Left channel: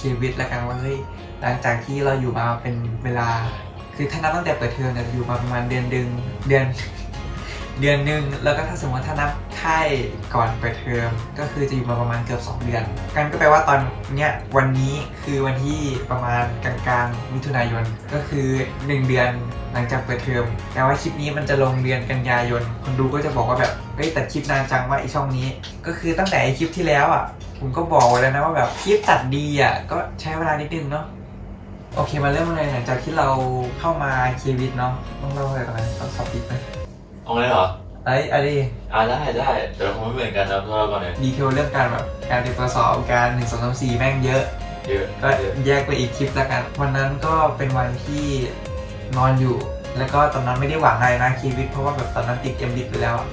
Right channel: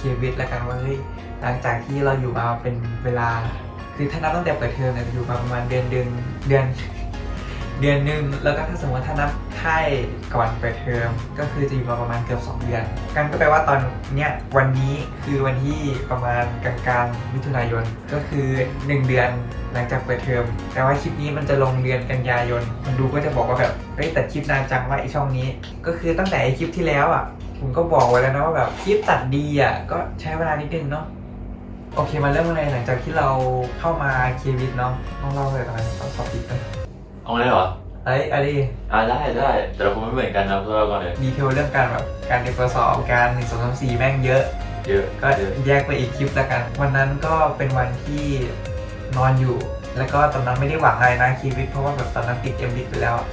ชีวิตแล้วกันว่าเฮ้ยหลังจากที่เราอยู่มาเป็นเวลา คือถ้านับตั้งแต่เปิดเทอมเนี่ยอยู่มาประมาณเดือนเดือนเดือนเดือนหนึ่งแล้วก็ถ้าสมมติถ้านับค่ายก่อนเปิดเทอมก็คือจะอยู่มาประมาณเกือบ 2 เดือนกันก็แปลว่าตอนเนี้ยวันนี้คือวันที่ประมาณกลางๆมิถุนายนก็คือ 1 เดือนหลังจากเปิดเทอมแต่ว่าคลิปนี้มันจะลงเดือนกันยายนคนดูก็จะบอกว่าแบบเฮ้ยแตัดคลิปนานจังว่าไอช่องนี้ ก็คือตั้งแต่ไอคลิปที่แล้วอะ ผมก็บอกไว้แล้วนะว่าแบบคลิปตัดดีอะก็ใช้เวลานิดนึงเนาะโอเคมาเริ่มกันเลยหลังจากที่เราเข้ามาเควิดเนาะต้องเล่าอะไรกันไหมต้องสอบปิดไหมเอาไงเหรอไอ้อะไรอ่าได้ได้แต่คงไม่เหมือนกันนะเราก่อนเลยดีเทลเรื่องการแบบการเตรียมตัวสอบการหนึ่งสองสามสี่แม่งเยอะเยอะก็เยอะแยกไปอีกคลิปแล้วกัน วันนั้นก็เป็นวันที่นอนอยู่ แล้วก็ตอนนั้นไม่ได้หวังอะไรนะเควิดเพราะว่าแบบตอนนั้นติดเอ็มวิไปแล้วอะ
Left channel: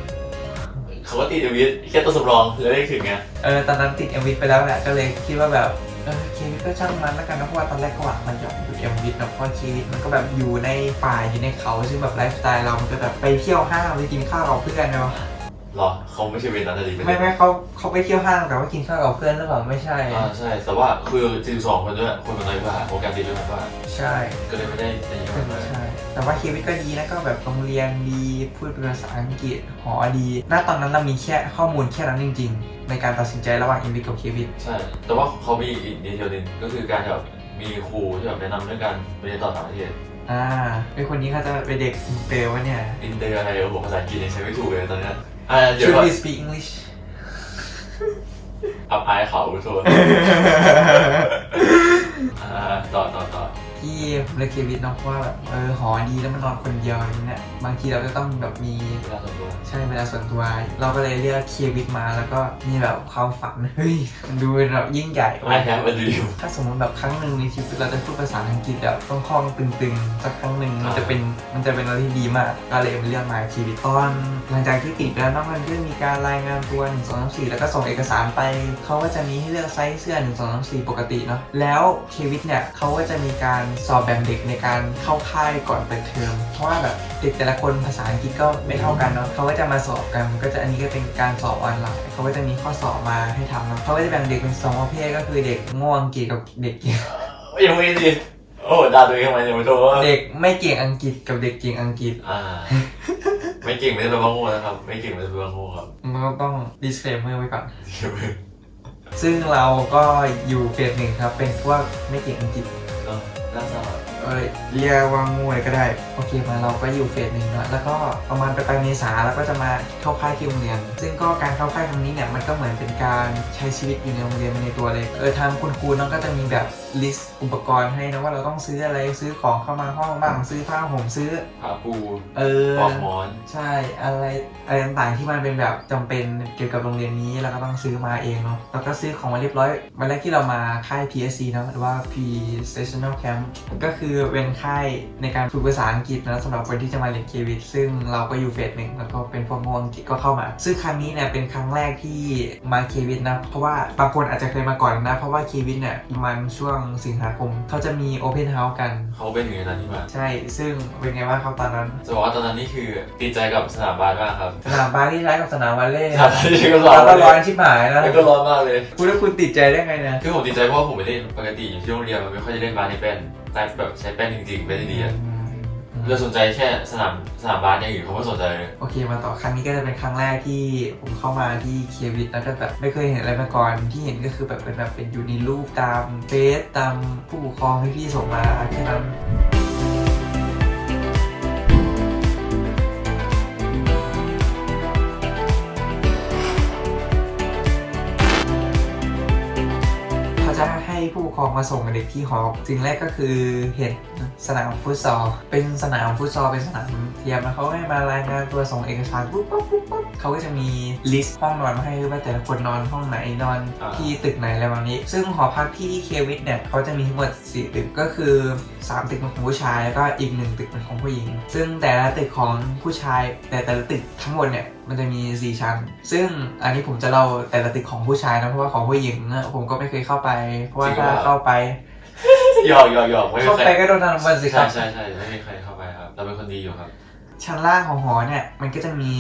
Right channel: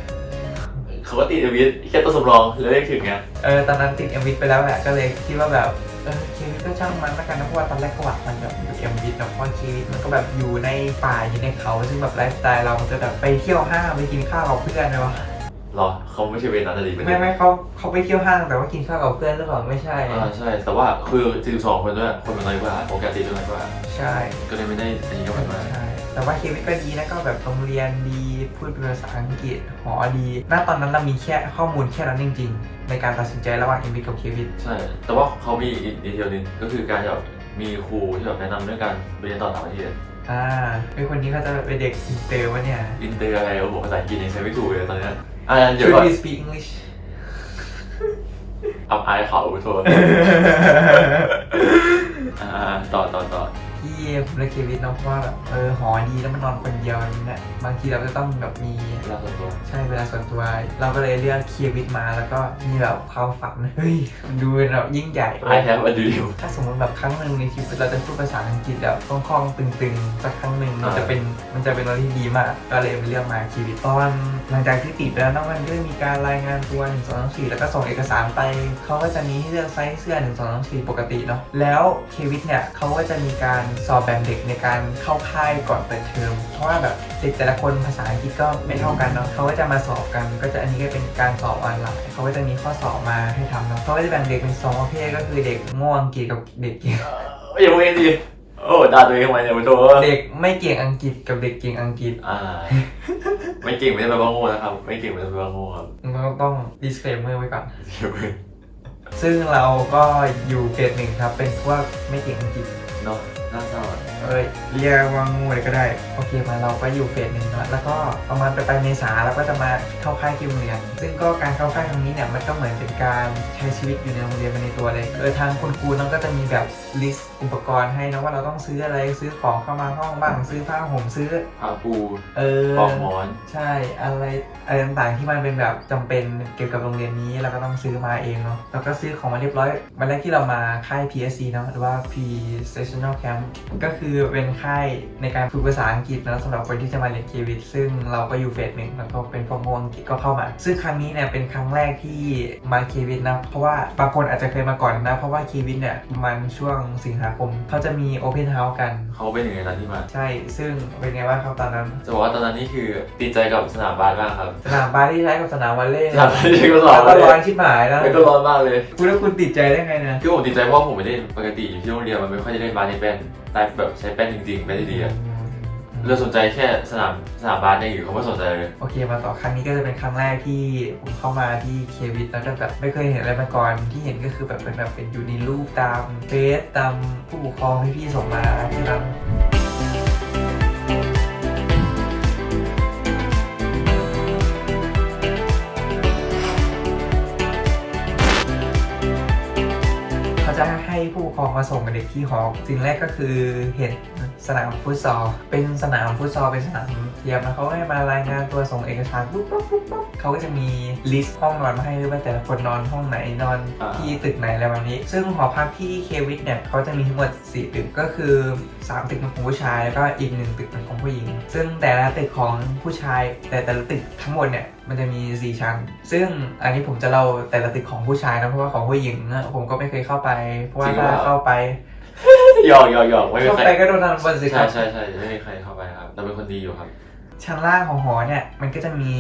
เขาก็ติดเอวิสแค่ตัวสำรองเลยได้ถึงไงเออตอนนั้นติดเอ็มวิไปแล้วแหละก็เลยคิดว่าแบบเออเควิดก็ช่างมันแล้วกันนะเพราะว่าตอนแรกก็หวังมันแบบอยู่เอ็มวินะเพราะเควิดมันก็แบบอยู่ในป่าอยู่ในเขาซึ่งแบบไลฟ์สไตล์เรามันจะแบบไปเที่ยวห้างไปกินข้าวกับเพื่อนไงวะหรอเขาไม่ใช่เวรนั้นนะดิเป็นไม่ไม่เขาเขาไปเที่ยวห้างแต่ว่ากินข้าวกับเพื่อนหรือเปล่าไม่ใช่ อ่าใช่ แต่ว่าคือ12คนด้วยคนมันน้อยกว่าโอกาสติดด้วยน้อยกว่า ใช่ ก็เลยไม่ได้อันนี้ใช่มากใช่ แต่ว่าชีวิตก็ดีนะก็แบบโรงเรียนดีพูดภาษาอังกฤษหอดีณตอนนั้นเรามีแค่ข้อมูลแค่นั้นจริง ๆ ในการตัดสินใจระหว่างเอ็มวิกับเควิดใช่ แต่ว่าเขามีอีกดีเทลหนึงก็คือการแบบมีครูที่แบบแนะนำเรื่องการไปเรียนต่อต่างประเทศอ่าไอคนนี้เขาจะเป็นเด็กอินเตอร์วะเนี่ยอินเตอร์อะไรโอ้โหภาษาอังกฤษยังใช้ไม่ถูกเลยตอนเนี้ยอ่าเดี๋ยว Should ก่อน we speak English อับอายเขาโทษอ่าต่อต่อต่อ ที่ผมเลือกเควิดเนาะเพราะว่าแบบเออหอดีแล้วมันนอนคนเดียวเนี่ยบางทีเราจะต้องแบบมีเวลาส่วนตัวใช่เวลาส่วนตัว เราก็เลยเลือกเควิดมาแล้วก็มีแบบความฝันเฮ้ยมันดูเป็นแบบยิ่งใหญ่ I have a dream ถ้าสมมติแบบครั้งหนึ่งในชีวิตเราจะพูดภาษาอังกฤษแบบคล่องๆตึงๆสักครั้งหนึ่งมันจะเป็นมันจะเป็นอะไรที่ดีมาก ก็เลยเลือกมาชีวิตตอนหลังจากที่ติดแล้วเนอกมันก็มีการรายงานตัว1 2 3 4แล้วก็ส่งเอกสารไปเขาก็จะมีให้เลือกไซส์เสื้อ1 2 3 4ปกติเนาะแล้วชีวิตเนี่ยเขาก็จะมีการสอบแบ่งเด็กในการเข้าค่ายก่อนเปิดเทอมเพราะว่าแบบเด็กแต่ละคนภาษาอังกฤษก็ไม่เท่ากันเนาะเขาก็จะมาสอบกันก็จะอันนี้ก็เป็นการสอบออนไลน์เขาก็จะมีข้อสอบมาให้ทำนะเขาก็จะแบ่งเด็กเป็นสองประเภทก็คือเด็กโง่อังกฤษกับเด็กเก่งยังไม่ดีโอ้ด่าตัวเองทำไมเนี่ยมันโทษเด็กไม่เก่งอังกฤษกับเด็กเก่งอังกฤษอ่า ไม่เก่งไม่ได้แปลว่าโง่นะครับ ไม่เก่งไม่ได้แปลว่าโง่ครับมันก็ต้อง disclaimer ไว้ก่อนเดี๋ยวไปซึ่งเราก็อยู่เฟสหนึ่งครับ เป็นพวกไม่เก่งอังกฤษ เนาะน่า เศร้าเอ้ยเรียกว่างูเลยก็ได้ โอเคมาเราก็อยู่เฟสหนึ่งแล้วแล้วก็ประมาณไปลายๆเมษาเราก็จะมาเข้าค่ายที่โรงเรียน ซึ่งก็การเข้าค่ายครั้งนี้เนี่ยมันก็เหมือนเป็นการใช้ชีวิตอยู่ในโรงเรียนไปในตัวเลยเออทางคุณครูน้องก็จะมีแบบลิสต์อุปกรณ์ให้นะว่าเราต้องซื้ออะไรซื้อของเข้ามาห้องบ้างซื้อผ้าห่มซื้อผ้าปูเออ ปอกหมอน ใช่อะไรอะไรต่างๆที่มันเป็นแบบจำเป็นเกี่ยวกับโรงเรียนนี้เราก็ต้องซื้อมาเองเนาะแล้วก็ซื้อของมาเรียบร้อยวันแรกที่เรามาค่าย PSC เนาะหรือว่า Pre Sessional Camp ก็คือเป็นค่ายในการฝึกภาษาอังกฤษนะสำหรับคนที่จะมาเรียนเควิดซึ่งเราก็อยู่เฟสหนึ่งแล้วก็เป็นพวกโมอังกฤษก็เข้ามา ซึ่งครั้งนี้เนี่ยเป็นครั้งแรกที่มาเควิดนะ เพราะว่าบางคนอาจจะเคยมาก่อนนะ เพราะว่าเควิดเนี่ยมันช่วงสิงหาคมเขาจะมี Open House กัน เขาเป็นหนึ่งในนั้นที่มา ใช่ ซึ่งเป็นไงบ้างครับตอนนั้นจะบอกว่าตอนนั้นนี่คือติดใจกับสนามบาสมากครับสนามบาสที่ใช้กับสนามวอลเลย์สนามบาสที่ก็สแล้นาวมก็บาสร้อนชิบหายนะแล้วก็ร้อนมากเลย คุณแล้วคุณติดใจได้ไงเนี่ยคือผมติดใจเพราะว่าผมไม่ได้ปกติอยู่ที่โรงเรียนมันไม่ค่อยได้เล่นบาสในแป้น แต่แบบใช้แป้นจริงๆไม่ได้ดีอะเราสนใจแค่สนามสนามบาสเนี่ยอยู่เขาไม่สนใจเลย โอเคมาต่อครั้งนี้ก็จะเป็นครั้งแรกที่ผมเข้ามาที่เควิทแล้วก็แบบไม่เคยเห็นอะไรมาก่อนที่เห็นก็คือแบบเป็นแบบเป็นอยู่ในรูปตามเฟซตามผู้ปกครองที่พี่ส่งมาแค่นั้น เขาจะให้ผู้ปกครองมาส่งเด็กที่หอสิ่งแรกก็คือเห็นสนามฟุตซอลเป็นสนามฟุตซอลเป็นสนาม เทียมแล้วเขาให้มารายงานตัวส่งเอกสารปุ๊บปุ๊บปุ๊บปุ๊บเขาก็จะมีลิสต์ห้องนอนมาให้ด้วยว่าแต่ละคนนอนห้องไหนนอนที่ตึกไหนอะไรแบบนี้ ซึ่งหอพักที่เควิทเนี่ยเขาจะมีทั้งหมด 4 ตึกก็คือ 3 ตึกเป็นของผู้ชายแล้วก็อีกหนึ่งตึกเป็นของผู้หญิง ซึ่งแต่ละตึกของผู้ชายแต่แต่ละตึกทั้งหมดเนี่ยมันจะมี4ชั้น ซึ่งอันนี้ผมจะเล่าแต่ละตึกของผู้ชายนะเพราะว่าของผู้หญิงอะผมก็ไม่เคยเข้าไป เพราะว่าถ้าเข้าไปหยอกหยอกหยอกไม่มีเข้าใครไปก็โดนทำบันสิคใช่รับใช่ใช่ไม่มีใครเข้าไปครับเราเป็นคนดีอยู่ครับ ชั้นล่างของหอเนี่ยมันก็จะมี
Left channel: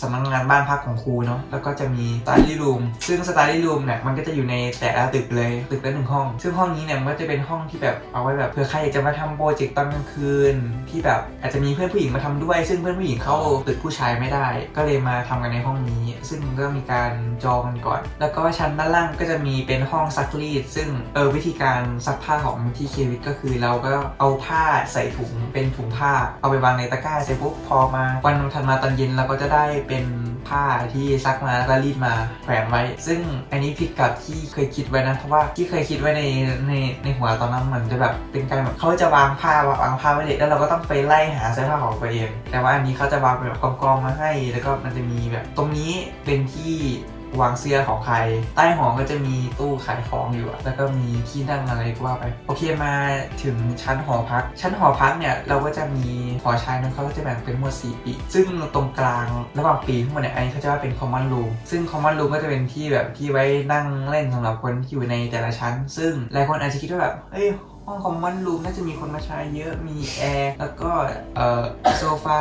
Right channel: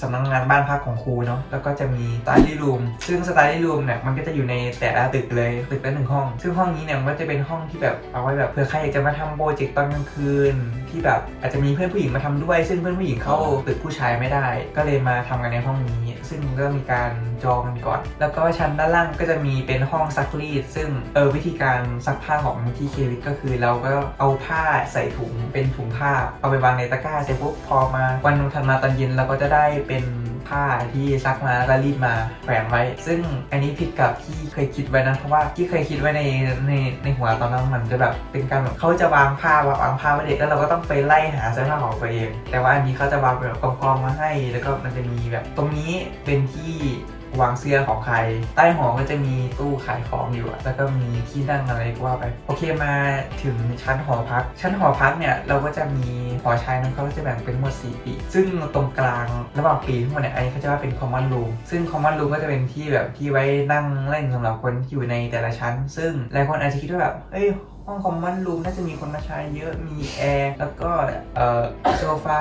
สำนักงานบ้านพักของครูเนาะแล้วก็จะมีสตาร์ดี้รูมซึ่งสตาร์ดี้รูมเนี่ยมันก็จะอยู่ในแต่ละตึกเลยตึกละหนึ่งห้อง ซึ่งห้องนี้เนี่ยมันก็จะเป็นห้องที่แบบเอาไว้แบบเผื่อใครอยากจะมาทำโปรเจกต์ตอนกลางคืน ที่แบบอาจจะมีเพื่อนผู้หญิงมาทำด้วย ซึ่งเพื่อนผู้หญิงเข้าตึกผู้ชายไม่ได้ ก็เลยมาทำกันในห้องนี้ ซึ่งก็มีการจองกันก่อน แล้วก็ชั้นด้านล่างก็จะมีเป็นห้องซักรีด ซึ่งเออวิธีการซักผ้าของที่เควิทก็คือเราก็เอาผ้าใส่ถุงเป็นถุงผ้าเอาไปวางในตะกร้าเสร็จปุ๊บพอมาวันถัดมาตอนเย็นเราก็จะได้เป็นผ้าที่ซักมาแล้วก็รีดมาแขวนไว้ ซึ่งอันนี้ผิดกับที่เคยคิดไว้นะเพราะว่าที่เคยคิดไว้ในในในหัวตอนนั้นมันจะแบบเป็นการแบบเขาจะวางผ้าวางผ้าไว้เด็กแล้วเราก็ต้องไปไล่หาเสื้อผ้าของตัวเอง แต่ว่าอันนี้เขาจะวางเป็นแบบกองๆมาให้ แล้วก็มันจะมีแบบตรงนี้เป็นที่ วางเสื้อของใคร ใต้หอก็จะมีตู้ขายของอยู่แล้วก็มีที่นั่งอะไรก็ว่าไป โอเคมาถึงชั้นหอพัก ชั้นหอพักเนี่ยเราก็จะมีหอชายนั้นเขาก็จะแบ่งเป็นหมวด4 ปี ซึ่งตรงกลางระหว่างปีทั้งหมดเนี่ยอันนี้เขาจะว่าเป็น common room ซึ่ง common room ก็จะเป็นที่แบบที่ไว้นั่งเล่นสำหรับคนที่อยู่ในแต่ละชั้น ซึ่งหลายคนอาจจะคิดว่าแบบเอ้ยห้องคอมมอนรูมน่าจะมีคนมาใช้เยอะมีแอร์แล้วก็เอ่อโซฟา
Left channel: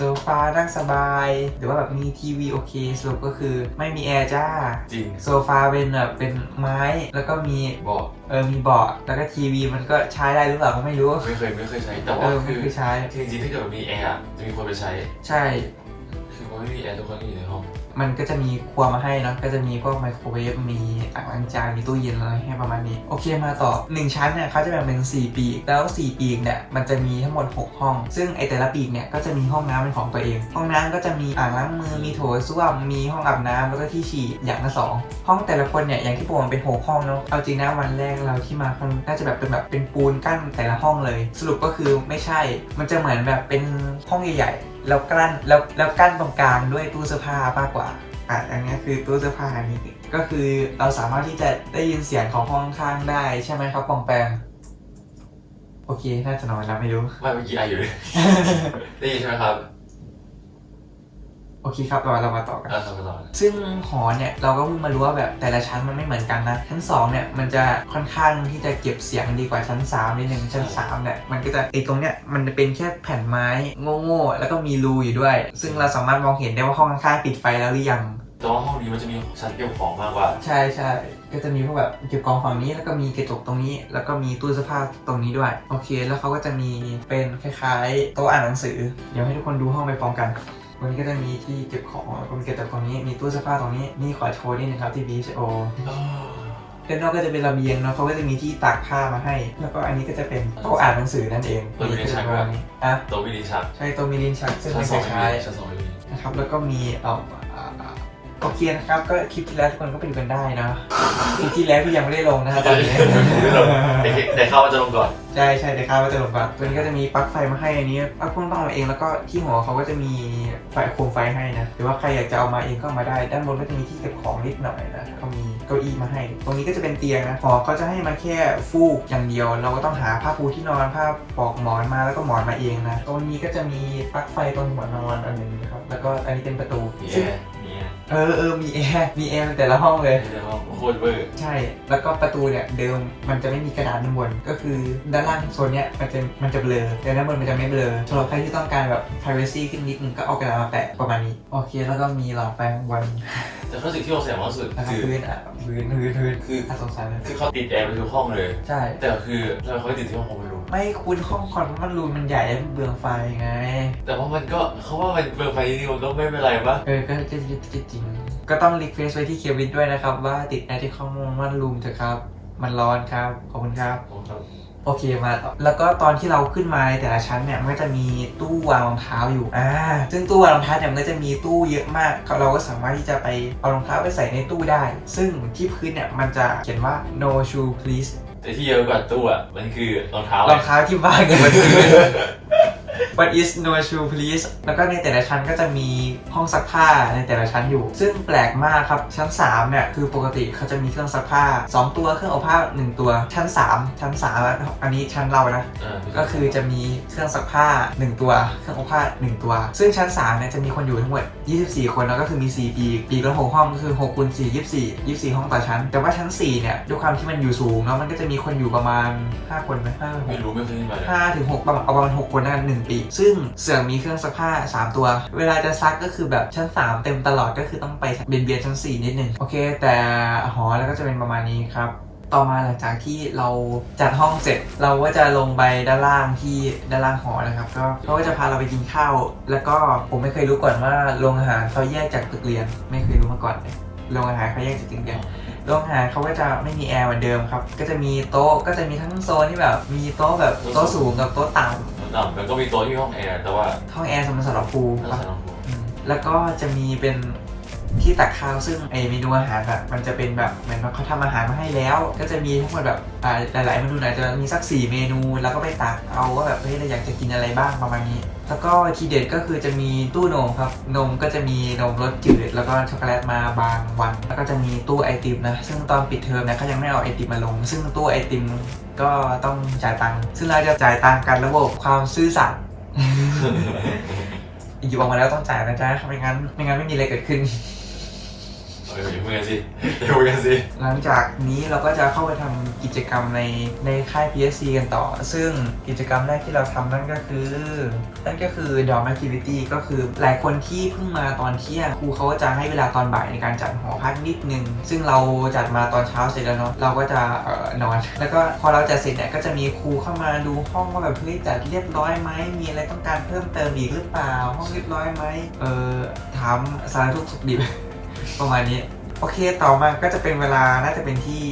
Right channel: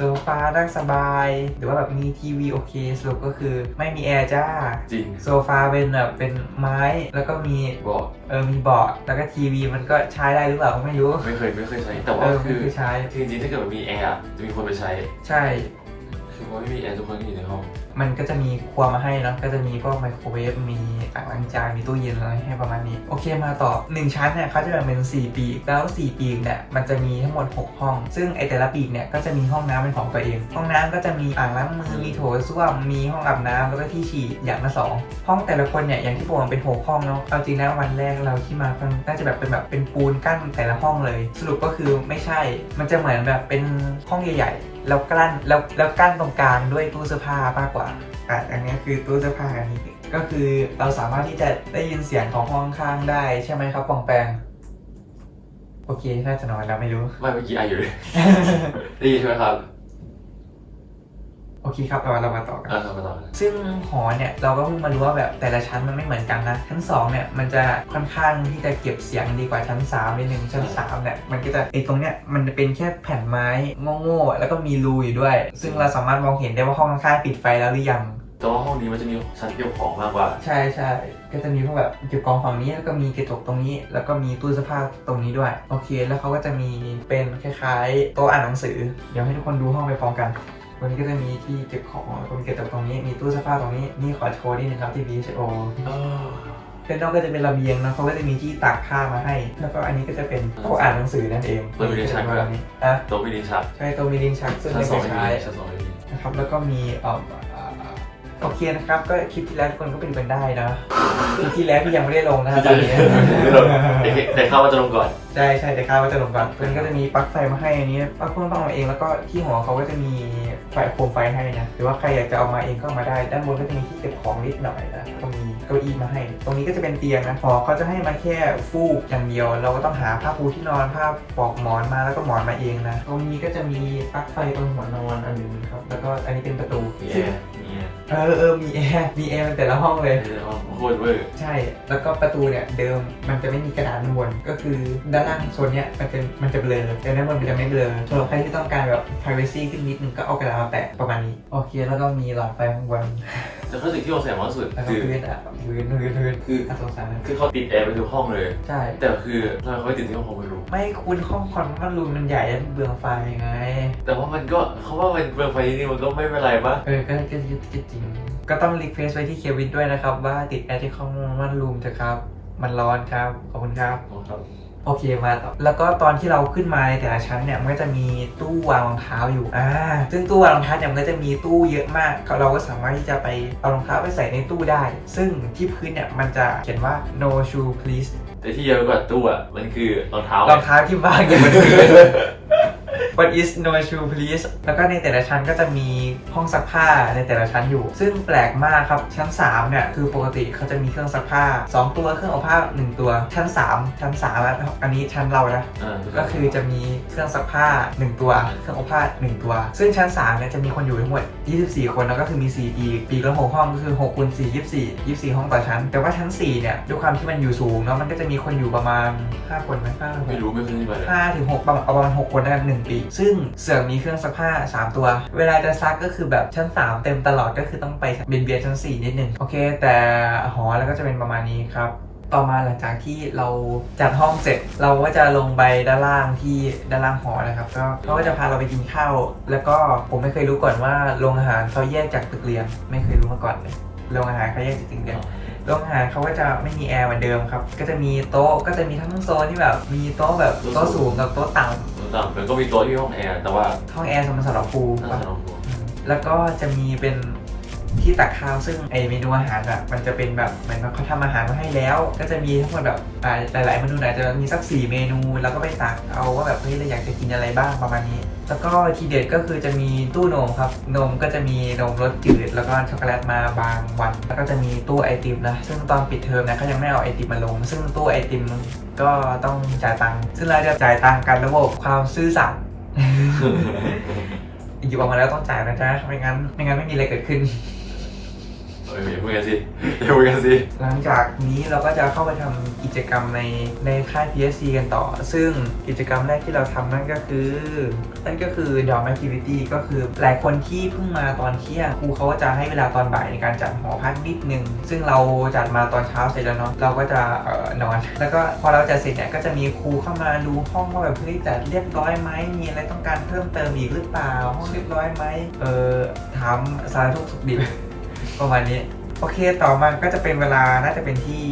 โซฟานั่งสบาย หรือว่าแบบมีทีวีโอเคสรุปก็คือไม่มีแอร์จ้า จริง โซฟาเป็นแบบเป็นไม้แล้วก็มีบอกเออมีเบาะแล้วก็ทีวีมันก็ใช้ได้หรือเปล่าก็ไม่รู้ ไม่เคยไม่เคยใช้ แต่เอว่าอคืไม่อเคยใช้คือจริงๆถ้าเกิดมันมีแอร์อะจะมีคนไปใช้ ใช่ คือพอไม่มีแอร์ทุกคนอยู่ในห้อง มันก็จะมีครัวมาให้นะก็จะมีพวกไมโครเวฟมีอ่างล้างจานมีตู้เย็นอะไรให้ประมาณนี้ โอเคมาต่อ 1 ชั้นเนี่ยเขาจะแบ่งเป็น 4 ปีกแล้ว 4 ปีกเนี่ยมันจะมีทั้งหมด 6 ห้อง ซึ่งไอแต่ละปีกเนี่ยก็จะมีห้องน้ำเป็นของตัวเอง ห้องน้ำก็จะมีอ่างล้างมือมีโถส้วมมีห้องอาบน้ำแล้วก็ที่ฉี่อย่างละสองห้องแต่ละคนเนี่ยอย่างที่บอกมันเป็นหกห้องเนาะเอาจริงนะวันแรกเราที่มามันน่าจะแบบเป็นแบบเป็นปูนกั้นแต่ละห้องเลย สรุปก็คือไม่ใช่ มันจะเหมือนแบบเป็นห้องใหญ่ๆแล้วกั้นแล้วแล้วกั้นตรงกลางด้วยตู้เสื้อผ้ามากกว่าอะอันนี้คือตู้เสื้อผ้าอันนี้ก็คือเราสามารถที่จะได้ยินเสียงของห้องข้างๆได้ใช่ไหมครับปองแปงโอเคน่าจะนอนแล้วไม่รู้ ไม่เมื่อกี้ไออยู่เลย ได้ยินใช่ไหมครับ โอเคครับเราเรามาต่อกันอะทำมาต่อซึ่งหอเนี่ยเราก็เพิ่งมารู้ว่าแบบแต่ละชั้นมันไม่เหมือนกันนะ ชั้น2เนี่ยมันจะค่อนข้างที่จะเก็บเสียงดีกว่าชั้น3นิดนึงชั้น3เนี่ยมันก็จะไอตรงเนี้ยมันจะเป็นแค่แผ่นไม้โง่ๆแล้วก็มีรูอยู่ด้วย ซึ่งเราสามารถมองเห็นได้ว่าห้องข้างๆปิดไฟแล้วหรือยังแต่ว่าห้องนี้มันจะมีชั้นเก็บของมากกว่า ใช่ใช่ก็จะมีพวกแบบเก็บกองฝั่งนี้แล้วก็มีกระจกตรงนี้ แล้วก็มีตู้เสื้อผ้าตรงนี้ด้วย โอเค แล้วเขาก็จะมีเป็นคล้ายๆโต๊ะอ่านหนังสือ เดี๋ยวให้ทุกคนดูห้องไปพร้อมกัน วันนี้ก็จะมีที่เก็บของแล้วก็มีกระจกตรงนี้มีตู้เสื้อผ้าตรงนี้นี่ขอโชว์นิดนึงครับที่ BHO ด้านนอกก็จะเป็นระเบียงเนาะเขาก็จะมีที่ตากผ้ามาให้ แล้วก็อันนี้ก็จะเป็นโต๊ะอ่านหนังสือนั่นเองมันมีลิ้นชักด้วยนี้อะโต๊ะวินิชักใช่โต๊ะมีลิ้นชักซึ่งชั้นไม่สเคองยไม่ใช้มีชั้นสองไม่มีนะครับแล้วก็มีเอ่ออ่า โอเคนะครับ ก็คลิปที่แล้วทุกคนก็ไปดูกันได้นะคลิปที่แล้วที่ยังไม่ได้ลงนะครับตอนนี้แต่เข้ามาจะลงก่อน ใช่ใช่แต่ข้าวว่าจะลงก่อนตัวนี้ก็จะมีปลั๊กไฟมาให้อันนี้ปลั๊กพ่นต้องเอามาเองแล้วก็ที่หัวเขาก็จะมีไฟโคมไฟให้นะหรือว่าใครอยากจะเอามาเองก็เอามาได้ ด้านบนก็จะมีที่เก็บของนิดหน่อยนะก็มีเก้าอี้มาให้ ตรงนี้ก็จะเป็นเตียงนะหอเขาจะให้มาแค่ฟูกอย่างเดียว เราก็ต้องหาผ้าปูที่นอนผ้าปลอกหมอนมาแล้วก็หมอนมาเองนะตรงนี้ก็จะมีปลั๊กไฟตรงหัวนอนอันหนึงนะครับแล้วก็อันนี้เป็นประตู ซึ่ง เออเออมีแอร์มีแอร์ในแต่ละห้องเลยมีแต่ว่า โคตรเวอร์ใช่ แล้วก็ประตูเนี่ยเดิมมันจะไม่มีกระดาษด้านบน ก็คือด้านล่างโซนเนี้ยมันจะมันจะเบลอแต่ด้านบนมันจะไม่เบลอสำหรับใครที่ต้องการแบบ privacy ขึ้นนิดนึงก็เอากระดาษมาแปะประมาณนี้ โอเค แล้วก็มีหลอดไฟข้างบนแต่ข้อสิ่งที่ผมแสบมากที่สุดแล้วก็คือพื้นอะพื้นพื้นพื้นคืออะสงสารนะคือเขาติดแอร์ไปทุกห้องเลย ใช่ แต่คือทำไมเขาไม่ติดที่ห้องคอมรูมไม่คุณห้องคอนมันรูมมันใหญ่แล้วมันเบืองไฟไง แต่ว่ามันก็เขาว่ามันเปิดไฟนี่มันก็ไม่เป็นไรปะเออก็ก็ก็ก็จริง ก็ต้องรีเควสไว้ที่เควินด้วยนะครับว่าติดแอร์ที่ห้องมันรูมเถอะครับ มันร้อนครับ ขอบคุณครับครับ โอเคมาต่อแล้วก็ตอนที่เราขึ้นมาในแต่ละชั้นเนี่ยมันก็จะมีตู้วางรองเท้าอยู่อ่าซึ่งตู้วางรองเท้าเนี่ยมันก็จะมีตู้เยอะมาก เราก็สามารถที่จะไปเอารองเท้าไปใส่ในตู้ได้ ซึ่งที่พื้นเนี่ยมันจะเขียนว่า no shoe please แต่ที่เยอะกว่าตู้อะมันคือรองเท้ารองเท้าที่วางอยู่บนพื้น What is no shoe please แล้วก็ในแต่ละชั้นก็จะมีห้องซักผ้าในแต่ละชั้นอยู่ ซึ่งแปลกมากครับ ชั้น 3 เนี่ย คือปกติเขาจะมีเครื่องซักผ้า 2 ตัวเครื่องอบผ้า 1 ตัว ชั้น 3 ชั้น3อะอันนี้ชั้นเรานะอ่าก็คือจะมีเครื่องซักผ้า 1 ตัว เครื่องอบผ้า 1 ตัว ซึ่งชั้น3เนี่ยจะมีคนอยู่ทั้งหมด 24 คนแล้วก็คือมี 4 ปีกปีกละ6ห้องก็คือ6คูณ4 24 24 ห้องต่อชั้น แต่ว่าชั้น 4 เนี่ยด้วยความที่มันอยู่สูงเนาะมันก็จะมีคนอยู่ประมาณ 5 คนไหมห้าหรือหไม่กรู้ไม่เคยมาเลยห้าถึงหกประมาณเอาประมาณหกคนแล้วกันหนึ่งปีกซึ่งเสือกมีเครื่องซักผ้า 3 ตัว เวลาจะซักก็คือแบบชั้น 3 เต็มตลอดก็คือต้องไปเบียนเบียนชั้น 4 นิดนึง โอเค แต่หอแล้วก็จะเป็นประมาณนี้ครับต่อมาหลังจากที่เราจัดห้องเสร็จ เราก็จะลงไปด้านล่างที่ด้านล่างหอนะครับ ก็เขาก็จะพาเราไปกินข้าว แล้วก็ผมไม่เคยรู้ก่อนว่าโรงอาหารเขาแยกจากตึกเรียน ไม่เคยรู้มาก่อนเลยโรงอาหารเขาแยกจากตึกเรียนโรงอาหารเขาก็จะไม่มีแอร์เหมือนเดิมครับ ก็จะมีโต๊ะก็จะมีทั้งโซนที่แบบมีโต๊ะแบบโต๊ะสูงกับโต๊ะต่ ต่ำมันก็มีโต๊ะที่ห้องแอร์แต่ว่าำห้องแอร์สำหรับสำหรับครูถ้าครับสำหรับผมอืมแล้วก็จะมีเป็นที่ตักข้าวซึ่งไอเมนูอาหารแบบมันจะเป็นแบบเหมือนเขาทำอาหารมาให้แล้ว ก็จะมีทั้งหมดแบบอ่าหลาย ๆ เมนูอาจจะมีสักสี่เมนูแล้วก็ไปตักเอาว่าแบบเฮ้ยเราอยากจะกินอะไรบ้างประมาณนี้ แล้วก็ทีเด็ดก็คือจะมีตู้นมครับนมก็จะมีนมรสจืดแล้วก็ช็อกโกแลตมาบางวัน แล้วก็จะมีตู้ไอติมนะซึ่งตอนปิดเทอมนะเขายังไม่เอาไอติมมาลง ซึ่งตู้ไอติม ก็ต้องจ่ายตังค์ซึ่งเราจะจ่ายตังค์กันระบบความซื่อสัตย์หยิบออกมาแล้วต้องจ่ายนะจ๊ะไม่งั้น ไม่งั้นไม่มีอะไรเกิดขึ้นเอออย่าพูดกันสิอย่าพูดกันสิ หลังจากนี้เราก็จะเข้าไปทำกิจกรรมในในค่าย PSC กันต่อ ซึ่งกิจกรรมแรกที่เราทำนั่นก็คือ นั่นก็คือ d o m Activity ก็คือหลายคนที่เพิ่งมาตอนเที่ยงครูเขาก็จะให้เวลาตอนบ่ายในการจัดหอพักนิดนึง ซึ่งเราจัดมาตอนเช้าเสร็จแล้วเนาะเราก็จะเอ่อนอน แล้วก็พอเราจัดเสร็จเนี่ยก็จะมีครูเข้ามาดูห้องว่าแบบเฮ้ยจัดเรียบร้อยไหมมีอะไรต้องการเพิ่มเติมอีกหรือเปล่าห้องเรียบร้อยไหมเออถามสารทุกข์สุขดิบ ประมาณนี้โอเคต่อมาก็จะเป็นเวลาน่าจะเป็นที่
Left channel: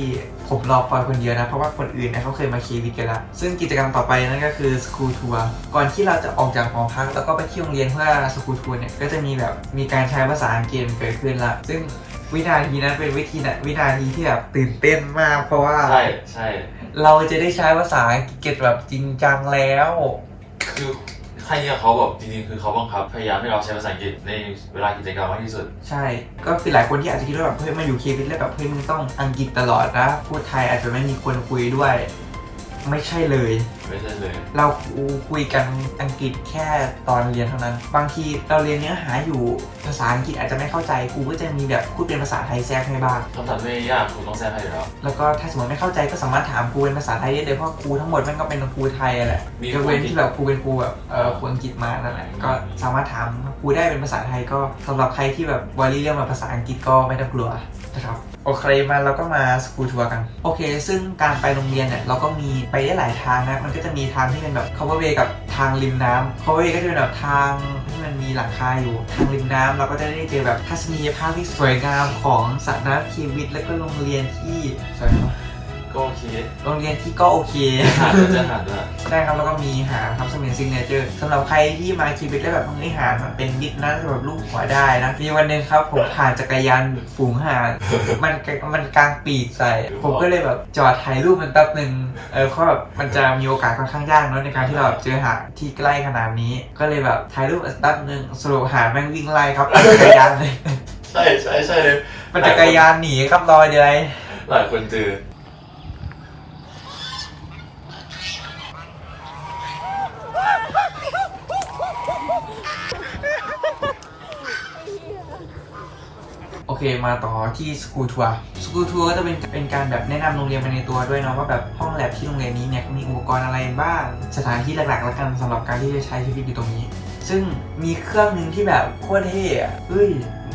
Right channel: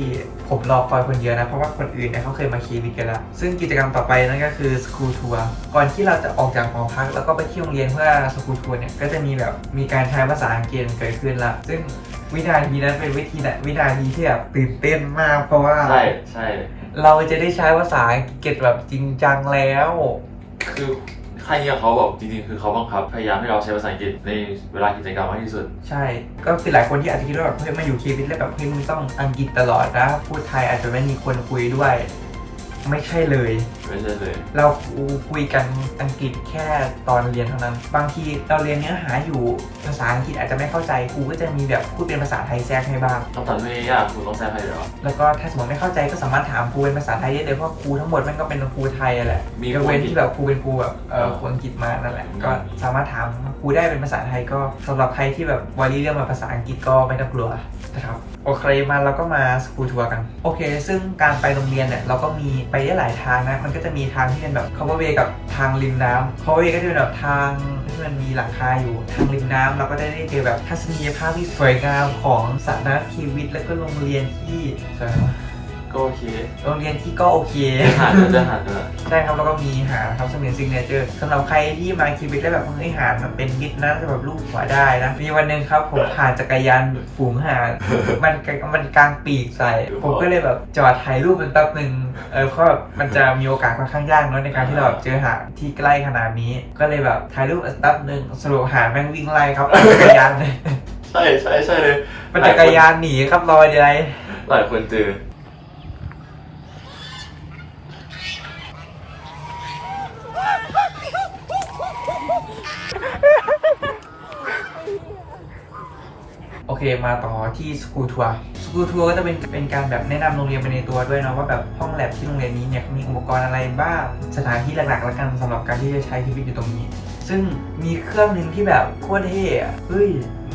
ผมรอคอยคนเดียวนะ เพราะว่าคนอื่นเนี่ยเขาเคยมาเควิดกันละซึ่งกิจกรรมต่อไปนั่นก็คือสกู l ทัวร์ก่อนที่เราจะออกจากหอพักแล้วก็ไปที่โรงเรียนเพื่อสกู l ทัวร์เนี่ยก็จะมีแบบมีการใช้ภาษาอังกฤษเกิดขึ้นละซึ่งวินาทีนั้นเป็นวิธีนะวินาทีที่แบบตื่นเต้นมากเพราะว่าใช่ใช่เราจะได้ใช้ภาษาอังกฤษแบบจริงจังแล้ว คือใครเนี่ยเขาแบบจริงๆ คือเขาบังคับพยายามให้เราใช้ภาษาอังกฤษในเวลากิจกรรมมากที่สุด ใช่ ก็คือหลายคนที่อาจจะคิดว่าแบบเฮ้ยมาอยู่เควินแล้วแบบเฮ้ยมึงต้องอังกฤษตลอดนะ พูดไทยอาจจะไม่มีคนคุยด้วย ไม่ใช่เลย ไม่ใช่เลย เราคุยกันอังกฤษแค่ตอนเรียนเท่านั้น บางทีเราเรียนเนื้อหาอยู่ภาษาอังกฤษอาจจะไม่เข้าใจครูก็จะมีแบบพูดเป็นภาษาไทยแทรกให้บ้างคำถามที่ยากคุณต้องแซงให้เหรอแล้วก็ถ้าสมมติไม่เข้าใจก็สามารถถามครูเป็นภาษาไทยได้เลยเพราะครูทั้งหมดมันก็เป็นครูไทยอะแหละมียกเว้นครูอังกฤษที่แบบครูเป็นครูแบบเออครูอังกฤษมานั่นแหละก็สามารถถามครูได้เป็นภาษาไทยก็สำหรับใครที่แบบวารีเรื่องมาภาษาอังกฤษก็ไม่ต้องกลัวนะครับโอเคมาเราก็มาสกูทัวร์กัน โอเค ซึ่งการไปโรงเรียนเนี่ยเราก็มีไปได้หลายทางนะมันก็จะมีทางที่เป็นแบบ cover way กับทางริมน้ำ cover way ก็จะเป็นแบบทางที่มันมีหลังคาอยู่ทางริมน้ำเราก็จะได้เจอแบบทัศนียภาพที่สวยงามของสระน้ำคีวิต แล้วก็โรงเรียนที่สวยงาม ก็โอเคโรงเรียนที่ก็โอเคหาดจะหาดจะใช่ครับแล้วก็มีหาครับซึ่งเป็นซิงเนเจอร์สำหรับใครที่มาคีวิตแล้วแบบเฮ้ยหาดมันเป็นมิดนะสำหรับลูกหัวได้นะมีวันหนึ่งครับผมผ่านจักรยานฝูงหาดมันมันกลางปีกใส่ผมก็เลยแบบจอดถ่ายรูปมันแป๊บหนึ่งเออเพราะแบบมันจะมีโอกาสค่อนข้างยากเนอะในการที่เราแบบเจอหาดที่ใกล้ขนาดนี้ ก็เลยแบบถ่ายรูปแป๊บหนึ่งสรุปหาดแม่งวิ่งไล่ครับจักรยานเลยใช่ใช่ใช่เลยมันจักรยานหนีครับลอยยวเลยหลายคนเจอ เคมาต่อที่สกูทัวร์สกูทัวร์ก็จะเป็นเป็นการแบบแนะนำโรงเรียนไปในตัวด้วยเนาะว่าแบบห้องแลบที่โรงเรียนนี้เนี่ยมีอุปกรณ์อะไรบ้างสถานที่หลักๆแล้วกันสำหรับการที่จะใช้ชีวิตอยู่ตรงนี้ ซึ่งมีเครื่องหนึ่งที่แบบโคตรเท่อะเฮ้ย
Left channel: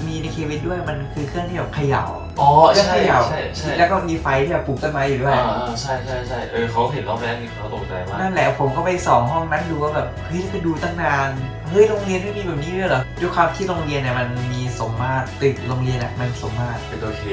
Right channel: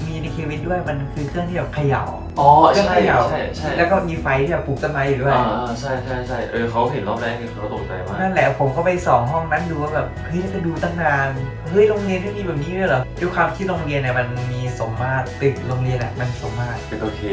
มีในเควิตด้วยมันคือเครื่องที่แบบเขย่าอ๋อเครื่องใช่เขย่าใช่ใช่แล้วก็มีไฟที่แบบปลูกต้นไม้อยู่ด้วย อ่าอ่าใช่ใช่ใช่เออเขาเห็นรอบแรกนี่เขาตกใจมากนั่นแหละผมก็ไปส่องห้องนั้นดูว่าแบบเฮ้ยแล้วก็ดูตั้งนานเฮ้ยโรงเรียนไม่มีแบบนี้ด้วยเหรอด้วยความที่โรงเรียนเนี่ยมันมีสมมาตรตึกโรงเรียนอะมันสมมาตรเป็นโอเค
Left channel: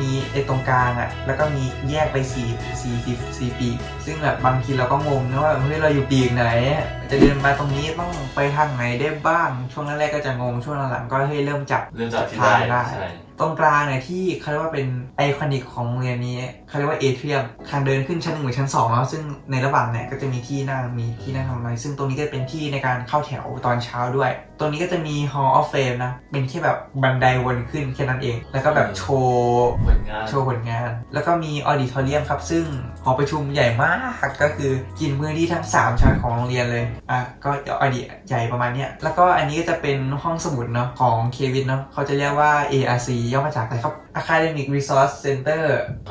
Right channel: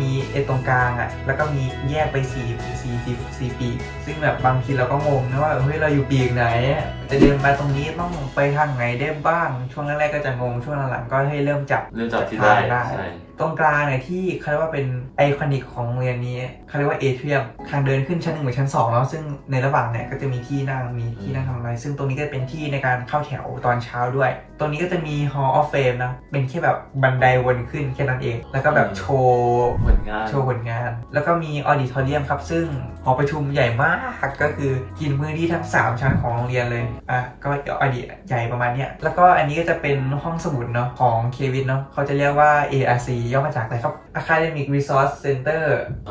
มีไอ้ตรงกลางอะแล้วก็มีแยกไปสี่สี่ปีสี่ปีกซึ่งแบบบางทีเราก็งงนะว่าเฮ้ยเราอยู่ปีกไหนอะจะเดินมาตรงนี้ต้องไปทางไหนได้บ้าง ช่วงแรกๆก็จะงงช่วงหลังๆก็ให้เริ่มจับเริ่มจับที่ได้ได้ ใช่ตรงกลางเนี่ยที่เขาเรียกว่าเป็นไอคอนิกของโรงเรียนนี้เขาเรียกว่าเอเทียมทางเดินขึ้นชั้นหนึ่งหรือชั้นสองแล้วซึ่งในระหว่างเนี่ยก็จะมีที่นั่งมีที่นั่งทำอะไรซึ่งตรงนี้ก็เป็นที่ในการเข้าแถวตอนเช้าด้วยตรงนี้ก็จะมี Hall of Fame นะ เป็นแค่แบบบันไดวนขึ้นแค่นั้นเอง แล้วก็แบบโชว์เหมือนงาน โชว์ผลงาน แล้วก็มีออดิทอเรียมครับ ซึ่งหอประชุมใหญ่มาก ก็คือกินพื้นที่ทั้ง 3 ชั้นของโรงเรียนเลย อะ ก็ออดิใหญ่ประมาณเนี้ย แล้วก็อันนี้ก็จะเป็นห้องสมุดเนาะของเควินเนาะ เขาจะเรียกว่า ARC ย่อมาจากอะไรครับ Academic Resource Center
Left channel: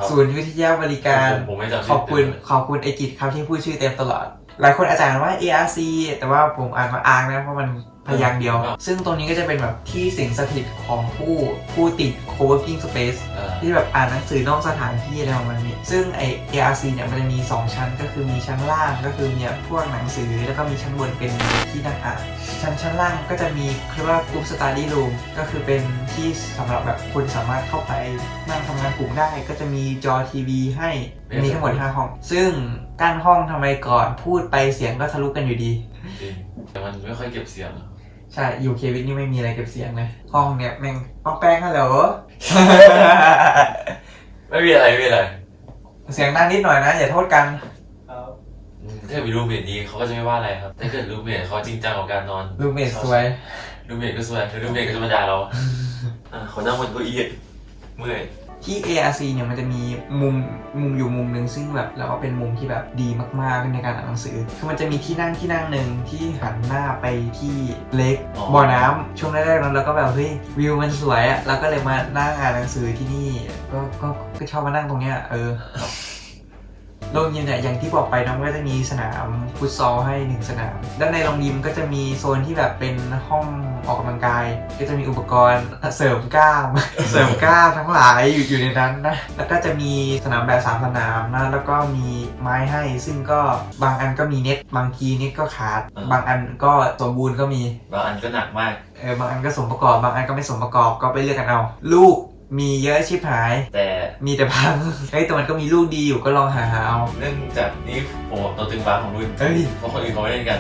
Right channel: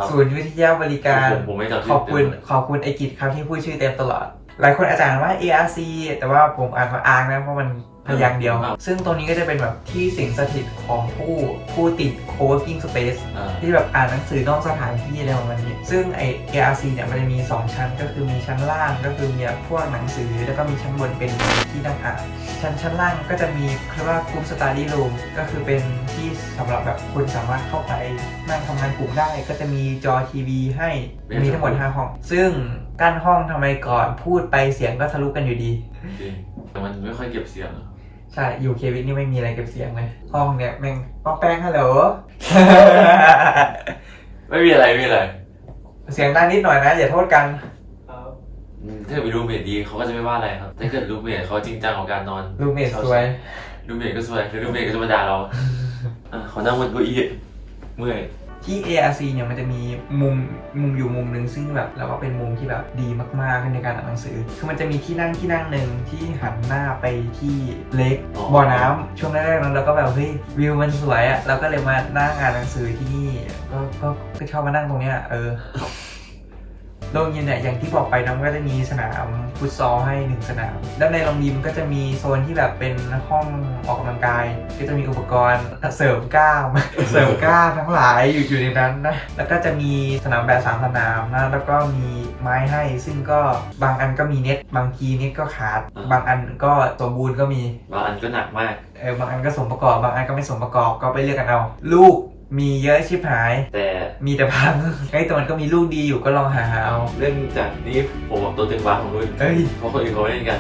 ศูนย์วิทยาบริการผมผมไม่จำชื่ขอบคุณ ขอบคุณไอกิจครับที่พูดชื่อเต็มตลอด หลายคนอาจจะอ่านว่า ARC แต่ว่าผมอ่านว่าอาร์นะเพราะมัน พยางค์เดียว ซึ่งตรงนี้ก็จะเป็นแบบที่สิงสถิตของผู้ผู้ติด co-working space อ่าที่แบบอ่านหนังสือนอกสถานที่อะไรประมาณนี้ ซึ่งไอ ARC เนี่ยมันจะมี 2 ชั้นก็คือมีชั้นล่างก็คือมีพวกหนังสือแล้วก็มีชั้นบนเป็นที่นั่งอ่าน ชั้นชั้นล่างก็จะมีเรียกว่ากลุ่มสตาร์ดี้รูมก็คือเป็นที่สำหรับแบบคนสามารถเข้าไปนั่งทำงานกลุ่มได้ ก็จะมีจอทีวีให้มีทั้งหมด5ห้อง ซึ่งกั้นห้องทำไมก่อนพูดไปเสียงก็ทะลุกันอยู่ดีจริงแต่มันไม่ค่อยเก็บเสียง ใช่อยู่เควินนี่ไม่มีอะไรเก็บเสียงเลย ห้องเนี่ยแม่งป้องแป้งฮัลโหล ไม่มีอะไรไม่มีอะไรเสียงดังนิดหน่อยนะอย่าโทษกันอืมถ้าเกิดมีรูมเมทดีเขาก็จะไม่ว่าอะไรครับถ้าเกิดรูมเมทเขาจริงจังกับการนอนรูเมทสวย รูมเมทก็สวยแล้วรูมเมทก็จะมาด่าเราอะเขานั่งบนเก้าอี้เมื่อย ที่ ARC เนี่ยมันจะมีมุมมุมอยู่มุมหนึ่งซึ่งแบบเราว่าเป็นมุมที่แบบดีมากๆในการอ่านหนังสือ คือมันจะมีที่นั่งที่นั่งหนึ่งที่หันหน้าไปที่เลกบ่อน้ำช่วงแรกๆนั้นเราก็แบบเฮ้ยวิวมันสวยอะเราก็เลยมานั่งอ่านหนังสือที่นี่ก็ก็ก็ชอบมานั่งตรงเนี้ยเออ โรงยิมเนี่ยอย่างที่บอกไปนะมันก็จะมีสนามฟุตซอลให้หนึ่งสนาม ด้านในโรงยิมก็จะมีโซนที่แบบเป็นห้องออกกำลังกาย ก็จะมีอุปกรณ์เสริมกล้าม เสริมกล้ามทั้งหลายอยู่อยู่ในนั้นนะ แล้วก็จะมีสนามแบบสามสนามนะ แล้วก็มีไม้ให้ ซึ่งก็บางอันก็มีเน็ต บางทีเน็ตก็ขาดบางอันก็สมบูรณ์ก็มี บางอันก็หนักมาก เออบางอันก็สมประกอบ บางอันก็ไม่สมประกอบก็ไปเลือกกันเอา ลูก มีเยอะชิบหาย แต่มีแต่พัง เฮ้ยแต่มันก็มีลูกดีอยู่ก็ลองหาหาเอา เรื่องจากนี้ผมตัวตึงบ้านของรุ่นเฮ้ย เพราะคนอื่นเขาไม่เล่นกัน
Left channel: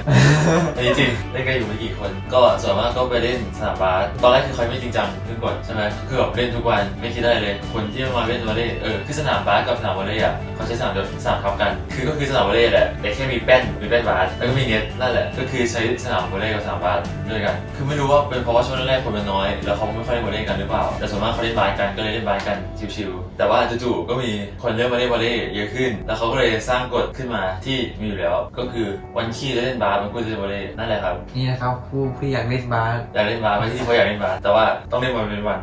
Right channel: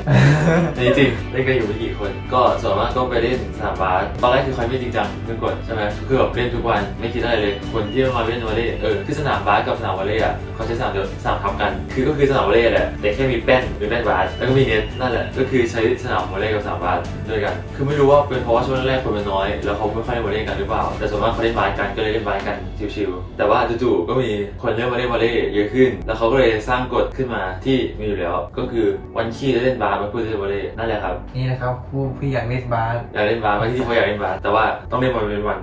จริงๆเล่นกันอยู่ไม่กี่คน ก็ส่วนมากก็ไปเล่นสนามบาสตอนแรกคือใครไม่จริงจังเมื่อก่อนใช่ไหมคือแบบเล่นทุกวันไม่คิดได้เลย คนที่มาเล่นวอลเลย์เออคือสนามบาสกับสนามวอลเลย์อะเขาใช้สนามเดียวสนามทับกัน คือก็คือสนามวอลเลย์แหละแต่แค่มีแป้นหรือแป้นบาสแล้วก็มีเน็ตนั่นแหละก็คือใช้สนามวอลเลย์กับสนามบาสด้วยกัน คือไม่รู้ว่าเป็นเพราะว่าช่วงแรกคนมันน้อย แล้วเขาไม่ค่อยเล่นวอลเลย์กันหรือเปล่า แต่ส่วนมากเขาเล่นบาสกันก็เลยเล่นบาสกันชิวๆแต่ว่าจู่ๆก็มีคนเล่นวอลเลย์วอลเลย์เยอะขึ้น แล้วเขาก็เลยสร้างกฎขึ้นมาที่มีอยู่แล้ว ก็คือวันขี้จะเล่นบาสวันพูดจะเล่นวอลเลย์นั่นแหละครับนี่นะครับผู้ผู้อยากเล่นบาสอยากเล่นบาสวันที่เขาอยากเล่นบาสแต่ว่าต้องเล่นวันเป็นวัน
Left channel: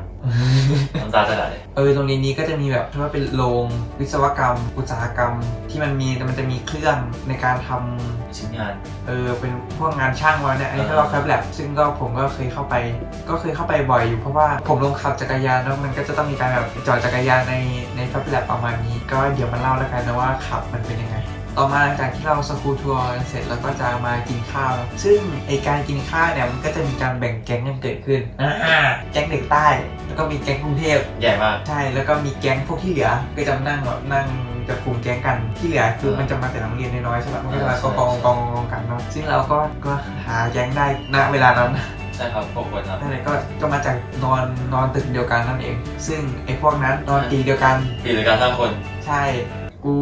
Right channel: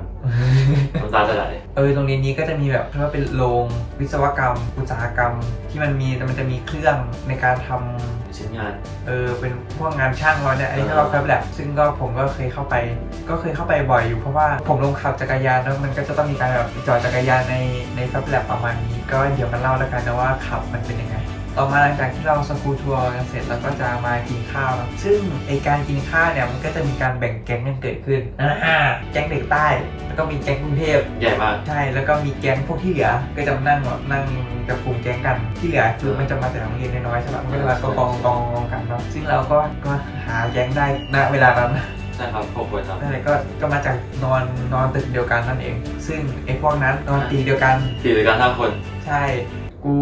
มันตาสลายเออโรงเรียนนี้ก็จะมีแบบเรียกว่าเป็นโรงวิศวกรรม อุตสาหกรรม ที่มันมีแต่มันจะมีเครื่องในการทำชิ้นงาน เออเป็นพวกงานช่างเราเนี่ยอันนี้เรียกว่าแฟบแลบซึ่งก็ผมก็เคยเข้าไป ก็เคยเข้าไปบ่อยอยู่เพราะว่าผมลงขับจักรยานแล้วมันก็จะต้องมีการแบบจอดจักรยานในในแฟบแลบประมาณนี้ ก็เดี๋ยวมาเล่าแล้วกันนะว่าขับมันเป็นยังไง ต่อมาหลังจากที่เราสกูทัวร์กันเสร็จเราก็จะมากินข้าว ซึ่งไอการกินข้าวเนี่ยมันก็จะมีการแบ่งแก๊งกันเกิดขึ้นอ่าแก๊งเด็กใต้ แล้วก็มีแก๊งกรุงเทพใหญ่มาก ใช่ แล้วก็มีแก๊งพวกที่เหลือ ก็จะมานั่งแบบนั่งกับกลุ่มแก๊งกัน ที่เหลือคือมันจะมาแต่โรงเรียนน้อยๆใช่ปะมันก็จะมากองกองกองกองกันเนาะ ซึ่งเราก็ก็หาแก๊งได้ณเวลานั้นใช่ครับครบคนครับนั่นแหละก็ก็มาจากนอนนอนตึกเดียวกันนั่นเอง ซึ่งไอ้พวกนั้นนอนตีเดียวกันปีเลยกันห้าคน ใช่ กู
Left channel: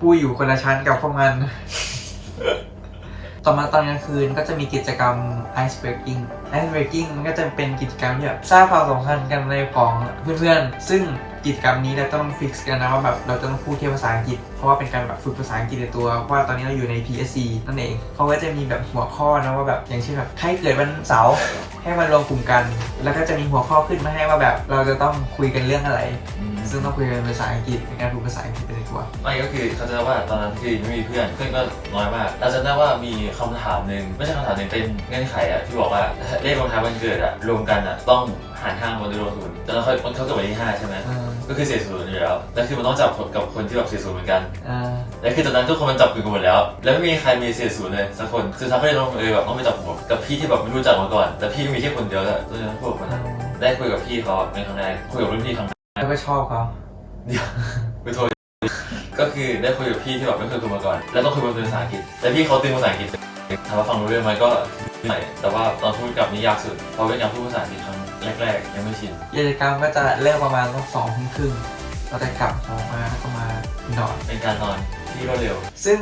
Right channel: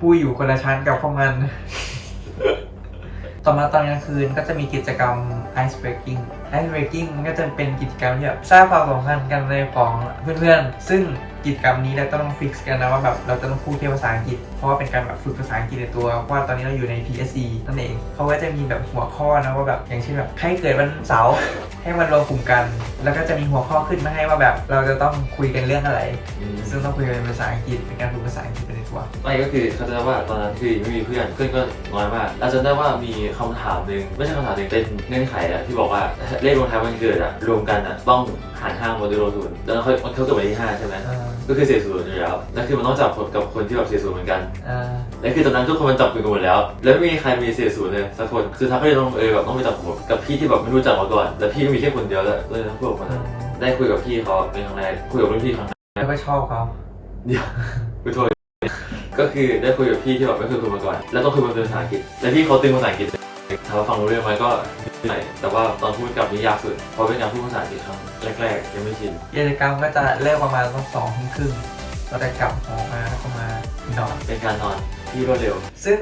ปู้อยู่คนละชั้นกับพวกมัน ต่อมาตอนกลางคืนก็จะมีกิจกรรม ice breaking ice breaking มันก็จะเป็นกิจกรรมที่แบบสร้างความสัมพันธ์กันในของเพื่อนๆ ซึ่งกิจกรรมนี้เราต้องฟิกซ์กันนะว่าแบบเราจะต้องพูดแค่ภาษาอังกฤษ เพราะว่าเป็นการแบบฝึกภาษาอังกฤษในตัว เพราะว่าตอนนี้เราอยู่ใน PSC นั่นเองเขาก็จะมีแบบหัวข้อนะว่าแบบอย่างเช่นแบบให้เกิดวันเสาร์ให้มันรวมกลุ่มกัน แล้วก็จะมีหัวข้อขึ้นมาให้ว่าแบบเราจะต้องคุยกันเรื่องอะไร ซึ่งต้องคุยกันเป็นภาษาอังกฤษเป็นการฝึกภาษาอังกฤษไปในตัวไม่ก็คือเขาจะว่าตอนนั้นคือไม่มีเพื่อนเพื่อนก็น้อยมากเราจะได้ว่ามีคำถามหนึ่งไม่ใช่คำถามหนึ่งเป็นเงื่อนไขอะที่บอกว่าเลขวันท้ายวันเกิดอะรวมกันอะต้องหารห้าโมเดลศูนย์แล้วเขามันเขาเกิดวันที่ห้าใช่ไหมอ่าก็คือเสียศูนย์อยู่แล้วแล้วคือมันต้องจับกับคนที่แบบเสียศูนย์เหมือนกัน อ่าแล้วคือตอนนั้นทุกคนมันจับมือกันหมดแล้ว แล้วไม่มีใครมีเสียศูนย์เลยสักคนคือทั้งก็เลยต้องเออแบบต้องไปจับผมกับพี่ที่แบบไม่รู้จักมาก่อน แล้วพี่ก็มีแค่คนเดียวแหละก็เลยต้องพูดออกมาได้คุยกับพี่เขาเป็นครั้งแรกคุยกับรุ่นพี่ครั้งแรกแล้วก็ชอบเขาเดียวคุยโทษก็คือได้คุยกับพี่ที่แบบไม่เคยคุยมาก่อน แล้วต้องคุยเป็นภาษาอังกฤษแล้วพี่เขาตึงภาษาอังกฤษ ถามว่าฟังรู้เรื่องไหมก็เหนื่อยแต่ว่าตอนพูดกับนี่ยากสุดเพราะเป็นยังพูดภาษาอังกฤษครั้งแรกๆยังไม่ชินกิจกรรมก็จะเลิกประมาณสักสองทุ่มครึ่งเราจะกลับหอมาแล้วก็มานอนเป็นการนอนที่รวดเร็ว ซึ่ง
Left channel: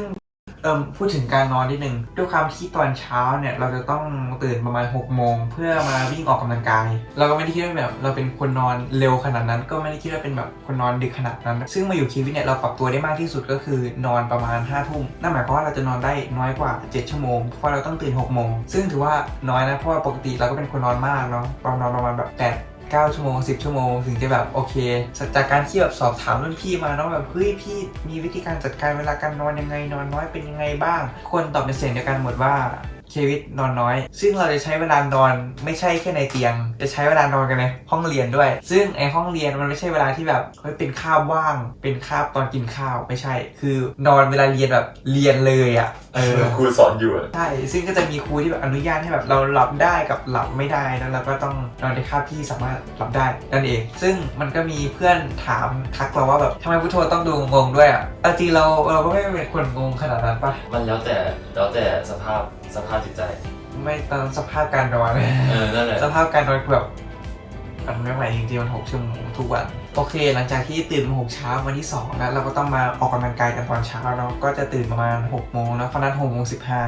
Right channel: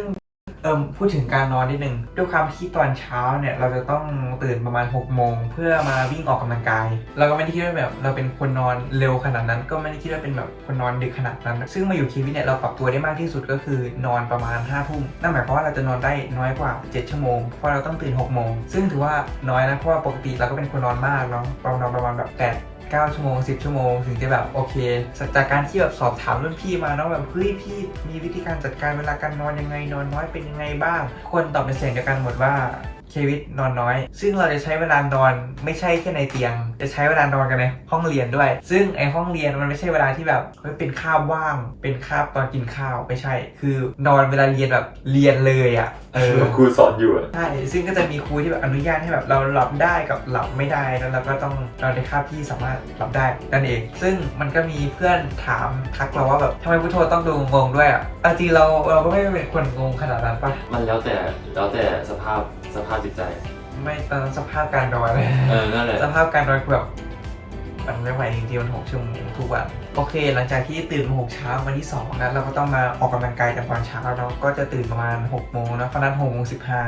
เอิมพูดถึงการนอนนิดนึงด้วยความที่ตอนเช้าเนี่ยเราจะต้องตื่นประมาณ6กโมงเพื่อมาวิ่งออกกำลังกาย เราก็ไม่ได้คิดว่าแบบเราเป็นคนนอนเร็วขนาดนั้น ก็ไม่ได้คิดว่าเป็นแบบคนนอนดึกขนาดนั้น ซึ่งมาอยู่คีวิตเนี่ยเราปรับตัวได้มากที่สุดก็คือนอนประมาณ5้าทุ่มนั่นหมายความว่าเราจะนอนได้น้อยกว่า 7 ชั่วโมงเพราะเราต้องตื่น6กโมงซึ่งถือว่าน้อยนะเพราะว่าปกติเราก็เป็นคนนอนมากเนาะเรานอนประมาณแบบ8 9 ชั่วโมง 10 ชั่วโมง ถึงจะแบบโอเค จากการที่แบบสอบถามรุ่นพี่มาเนาะแบบเฮ้ยพี่มีวิธีการจัดการเวลาการนอนยังไงนอนน้อยเป็นยังไงบ้างคนตอบเป็นเสียงเดียวกันหมดว่าเควิตนอนน้อย ซึ่งเราจะใช้เวลานอนไม่ใช่แค่ในเตียง จะใช้เวลานอนกันในห้องเรียนด้วย ซึ่งไอห้องเรียนมันไม่ใช่เวลาที่แบบเฮ้ยเป็นคาบว่าง เป็นคาบตอนกินข้าวไม่ใช่ คือนอนเวลาเรียนแบบเรียนเลยอะเออ ครูสอนอยู่อะใช่ ซึ่งก็จะมีครูที่แบบอนุญาตให้แบบเราหลับได้กับหลับไม่ได้นั้นเราก็ต้องนอนในคาบที่สามารถหลับได้นั่นเอง ซึ่งมันก็มีเพื่อนถามทักเราว่าแบบทำไมพุทโธต้องดูงงๆด้วยอะเอาจริงเราเราก็ไม่ได้เป็นคนงงขนาดนั้นปะมันแล้วแต่แล้วแต่สภาพสภาพจิตใจ ไม่ตอนสภาพการนอน เออ นั่นแหละ สภาพการนอนคือแบบ มันไม่ไหวจริงๆมันหกชั่วโมงทุกวันโอเค หลังจากที่ตื่นหกเช้าวันที่สองนะเราก็ต้องมาออกกำลังกายกันตอนเช้าเราก็จะตื่นประมาณหกโมงนะเพราะนั้นหกโมงสิบห้า